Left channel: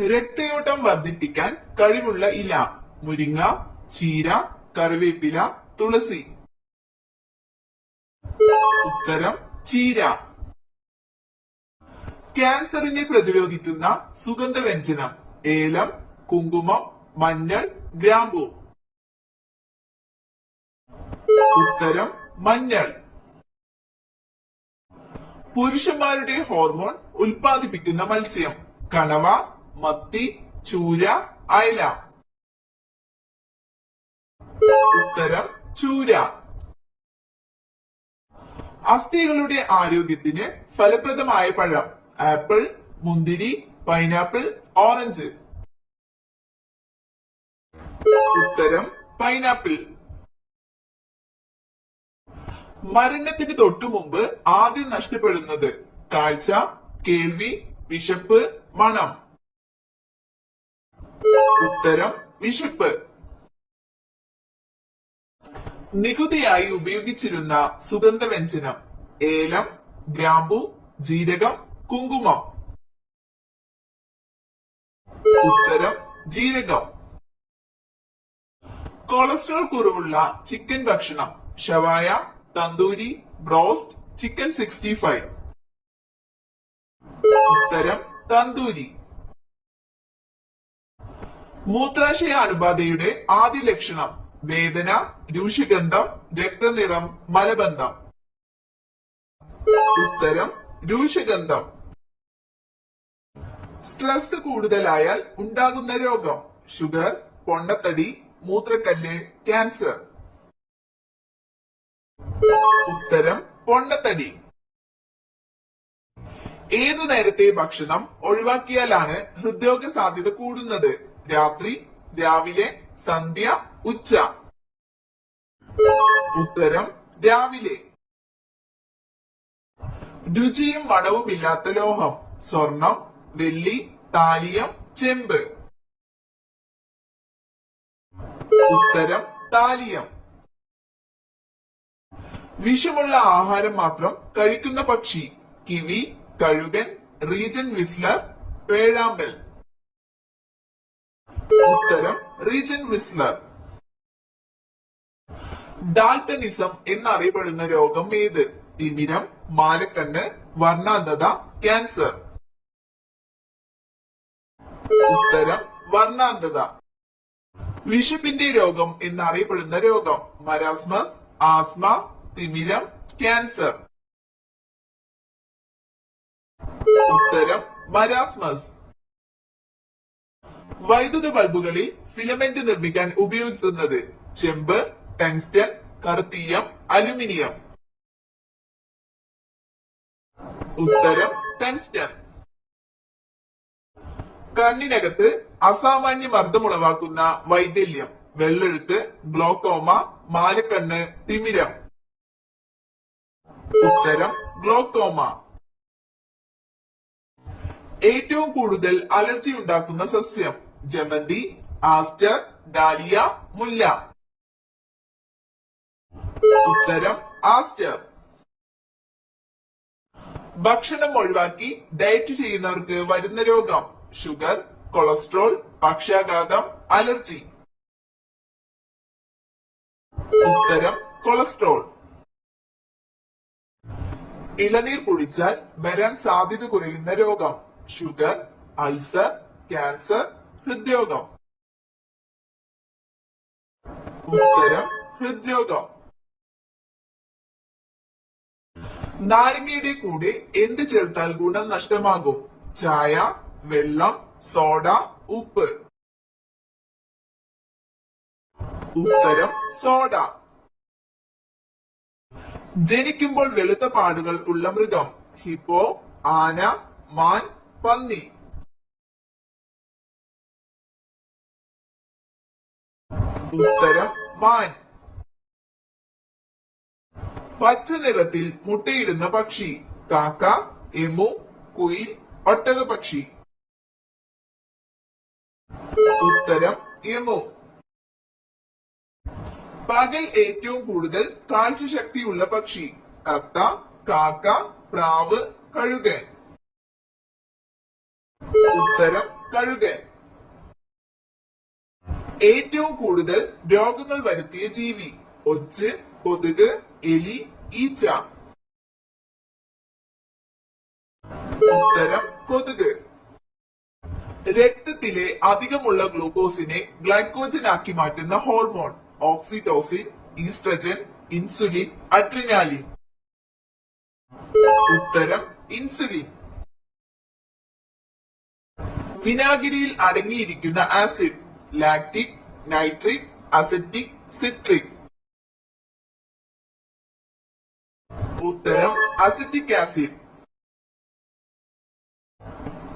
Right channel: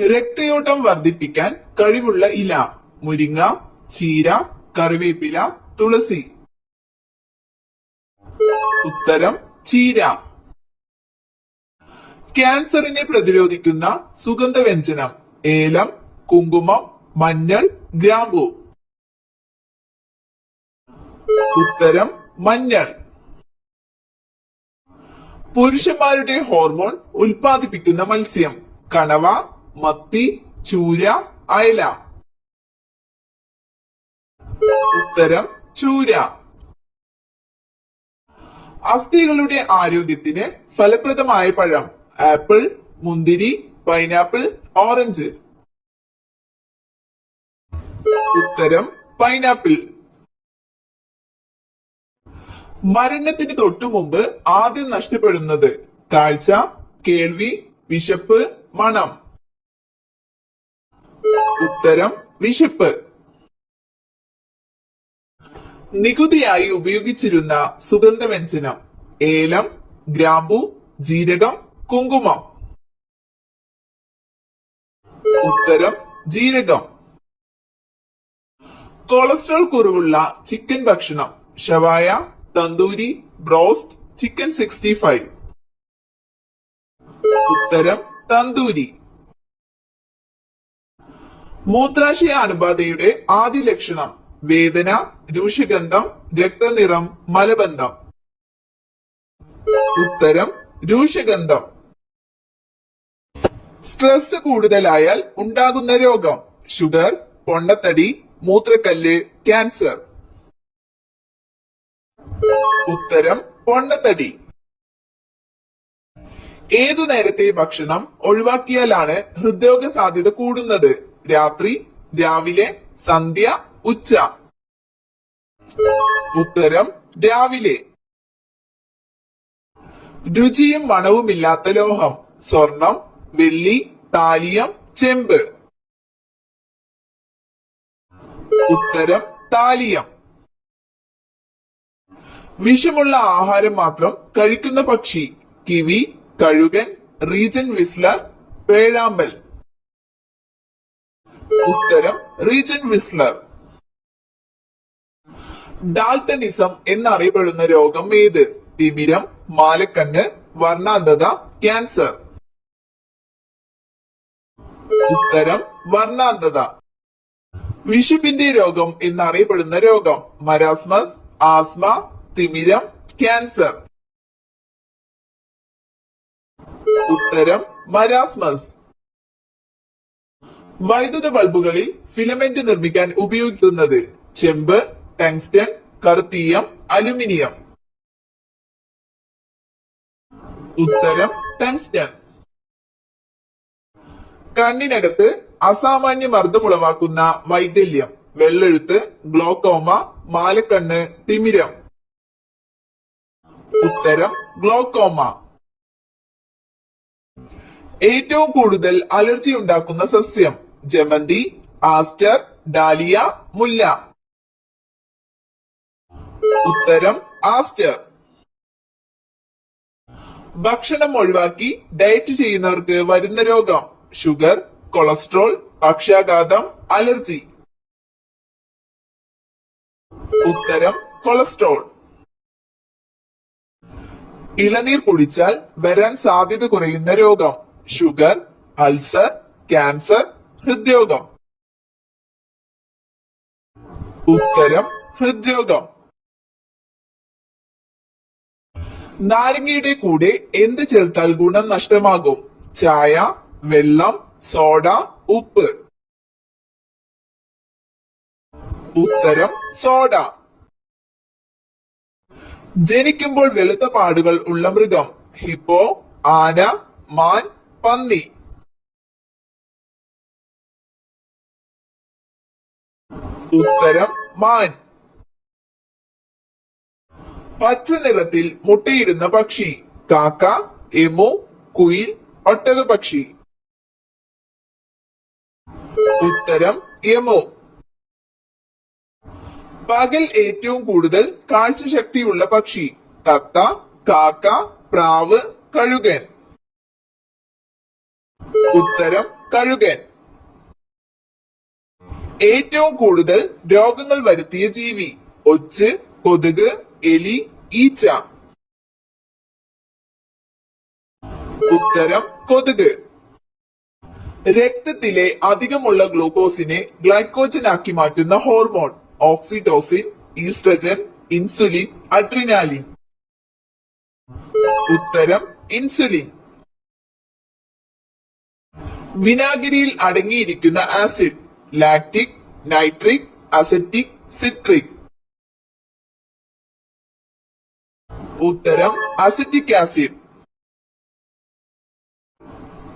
രക്തയോട്ടം വർദ്ധിപ്പിക്കാൻ കഴിവുള്ള ഇല. മുരിങ്ങ, ചീര, കറിവേപ്പില, തുളസി. ഉത്തരം ചീര. ക്യാൻസറിനെ പ്രതിരോധിക്കുന്ന സുഗന്ധവ്യഞ്ജനം. ഏലം, കുങ്കുമം, മഞ്ഞൾ, ഗ്രാമ്പു. ഉത്തരം മഞ്ഞൾ. പുരുഷന്മാരുടെ ഹോർമോൺ ഉൽപ്പാദിപ്പിക്കുന്ന മത്സ്യം. കണവ, മത്തി, ചൂര, അയല. ഉത്തരം ചൂര. അസ്ഥികളുടെ ആരോഗ്യത്തിന് ഫലപ്രദമായ പഴം. ആപ്പിൾ, മുന്തിരി, പൈനാപ്പിൾ, ഓറഞ്ച്. ഉത്തരം പൈനാപ്പിൾ. മരണത്തിന് തൊട്ടു മുമ്പ് ആദ്യം നഷ്ടപ്പെടുന്നത്. കാഴ്ച, കേൾവി, വിശപ്പ്, മണം. ഉത്തരം വിശപ്പ്. നികുതിയായി ഉപയോഗിച്ചിരുന്ന സുഗന്ധവ്യഞ്ജനം. ഏലം, ഗ്രാമ്പു, ജീരകം, കുങ്കുമം. ഉത്തരം ജീരകം. കൊളസ്ട്രോൾ കുറവുള്ള ചിക്കൻ ഭക്ഷണം. ഷവായ, തന്തൂരി, ബ്രോസ്റ്റ്, ചിക്കൻ 65. ഉത്തരം തന്തൂരി. മൂത്രാശയ അണുബാധയുടെ ആദ്യ ലക്ഷണം. വേദന, രൂക്ഷഗന്ധം, രക്തനിറം, മലബന്ധം. ഉത്തരം രൂക്ഷഗന്ധം. സ്ട്രെസ് കൂടുതലായാൽ ഉണ്ടാകുന്ന രോഗം. ഷുഗർ, പൊണ്ണത്തടി, മൂത്രക്കല്ല്, ക്യാൻസർ. ഉത്തരം പൊണ്ണത്തടി. ഏതു നേരത്തെ ഭക്ഷണം ഒഴിവാക്കിയാലാണ് ഹൃദ്രോഗ സാധ്യത കൂടുന്നത്? രാത്രി, രാവിലെ, സന്ധ്യ, ഉച്ച. ഉത്തരം രാവിലെ. രുചിയും മണവുമില്ലാത്ത ലോഹം. സ്വർണം, വെള്ളി, താലിയം, ചെമ്പ്. ഉത്തരം താലിയം. വിഷമുള്ള ആഹാരം മാത്രം കഴിക്കുന്ന പക്ഷി. കിവി, കഴുകൻ, റീജൻ വിസ്ലർ, പേഴാമ്പൽ. ഉത്തരം റീജൻ വിസ്ലർ. ഡാൽട്ടനിസം എന്നറിയപ്പെടുന്ന രോഗം ഏത്? തിമിരം, മാലക്കണ്ണ്, വർണ്ണാന്ധത, ക്യാൻസർ. ഉത്തരം വർണ്ണാന്ധത. വിഷപ്പിന്റെ രോഗം എന്നറിയപ്പെടുന്ന രോഗം. മരാസ്മസ്, ആസ്മ, തിമിരം, ക്യാൻസർ. ഉത്തരം മരാസ്മസ്. വൈദ്യുത ബൾബുകളിൽ ഫിലമെന്റ് നിർമ്മിക്കാൻ ഉപയോഗിക്കുന്നത്. ചെമ്പ്, ടങ്സ്റ്റൺ, കറുത്തീയം, അലുമിനിയം. ഉത്തരം ടങ്സ്റ്റൺ. കണ്ണിനകത്ത് അസാമാന്യ മർദ്ദമുളവാക്കുന്ന വൈകല്യം. വെള്ളെഴുത്ത്, ഗ്ലോക്കോമ, മാലക്കണ്ണ്, തിമിരം. ഉത്തരം ഗ്ലോക്കോമ. ഏറ്റവും കൂടുതൽ അലർജി ഉണ്ടാക്കുന്ന സസ്യം. ജമന്തി, ആസ്റ്റർ, ഡാലിയ, മുല്ല. ഉത്തരം ആസ്റ്റർ. ഭക്ഷണം ഒഴിവാക്കി ഡയറ്റ് ചെയ്യുന്നവർക്ക് വരുന്ന രോഗം. ഷുഗർ, കൊളസ്ട്രോൾ, പക്ഷാഘാതം, അലർജി. ഉത്തരം കൊളസ്ട്രോൾ. ഇളനീർ കുടിച്ചാൽ വരാൻ സാധ്യത കുറയുന്ന രോഗം. ഷുഗർ, അൾസർ, ക്യാൻസർ, ഹൃദ്രോഗം. ഉത്തരം ഹൃദ്രോഗം. നാരങ്ങയുടെ കൂടെ എന്ത് ചേർത്താൽ ഗുണം നഷ്ടമാകും? ചായ, വെള്ളം, സോഡ, ഉപ്പ്. ഉത്തരം സോഡ. ജനിക്കുമ്പോൾ വെളുത്ത പാടുകൾ ഉള്ള മൃഗം. ഹിപ്പോ, ആന, മാൻ, പന്നി. ഉത്തരം മാൻ. പച്ച നിറത്തിൽ മുട്ടയിടുന്ന പക്ഷി. കാക്ക, എമു, കുയിൽ, ഒട്ടകപക്ഷി. ഉത്തരം എമു. പകൽ ഏറ്റവും കൂടുതൽ കാഴ്ചശക്തിയുള്ള പക്ഷി. തത്ത, കാക്ക, പ്രാവ്, കഴുകൻ. ഉത്തരം കഴുകൻ. ഏറ്റവും കൂടുതൽ രോഗങ്ങൾ വരുത്തിയ ജീവി? ഒച്ച്, കൊതുക്, എലി, ഈച്ച. ഉത്തരം കൊതുക്. രക്തത്തിലെ അധികമുള്ള ഗ്ലൂക്കോസിനെ ഗ്ലൈക്കോജൻ ആക്കി മാറ്റുന്ന hormone? Oxytocin, oestrogen, insulin, adrenaline. ഉത്തരം ഇൻസുലിൻ. വിനാഗിരിയിൽ അടങ്ങിയിരിക്കുന്ന acid? Lactic, nitric, acetic, citric. ഉത്തരം അസറ്റിക് ആസിഡ്.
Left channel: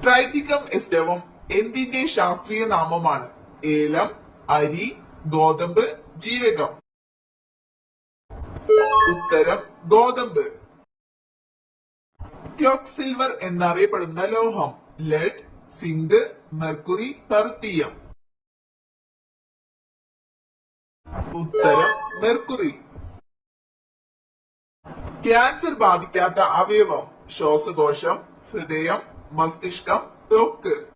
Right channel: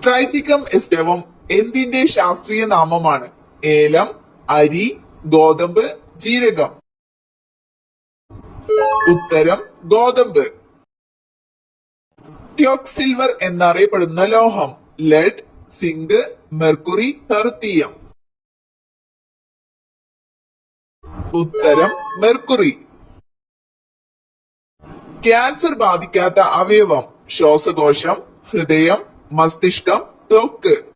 ട്രൈറ്റിക്കം എസ്റ്റവം എന്തിന്റെ ശാസ്ത്രീയ നാമമാണ്? ഏലം, അരി, ഗോതമ്പ്, ജീരകം. ഉത്തരം ഗോതമ്പ്. ക്യോക്സിൽവർ എന്നറിയപ്പെടുന്ന ലോഹം? ലെഡ്, സിങ്ക്, മെർക്കുറി, പെർത്തിയം. ഉത്തരം മെർക്കുറി. ക്യാൻസർ ബാധിക്കാത്ത അവയവം? ശ്വാസകോശം, ഹൃദയം, മസ്തിഷ്കം, ത്വക്ക്.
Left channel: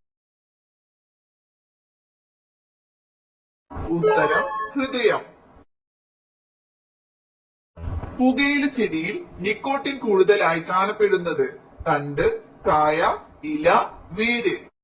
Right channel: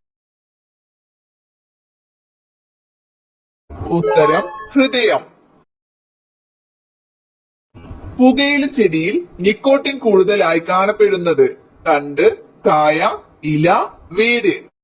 ഉത്തരം ഹൃദയം. പുകയില ചെടിയിൽ നിക്കോട്ടിൻ കൂടുതലായി കാണപ്പെടുന്നത്? തണ്ട്, കായ, ഇല, വേര്.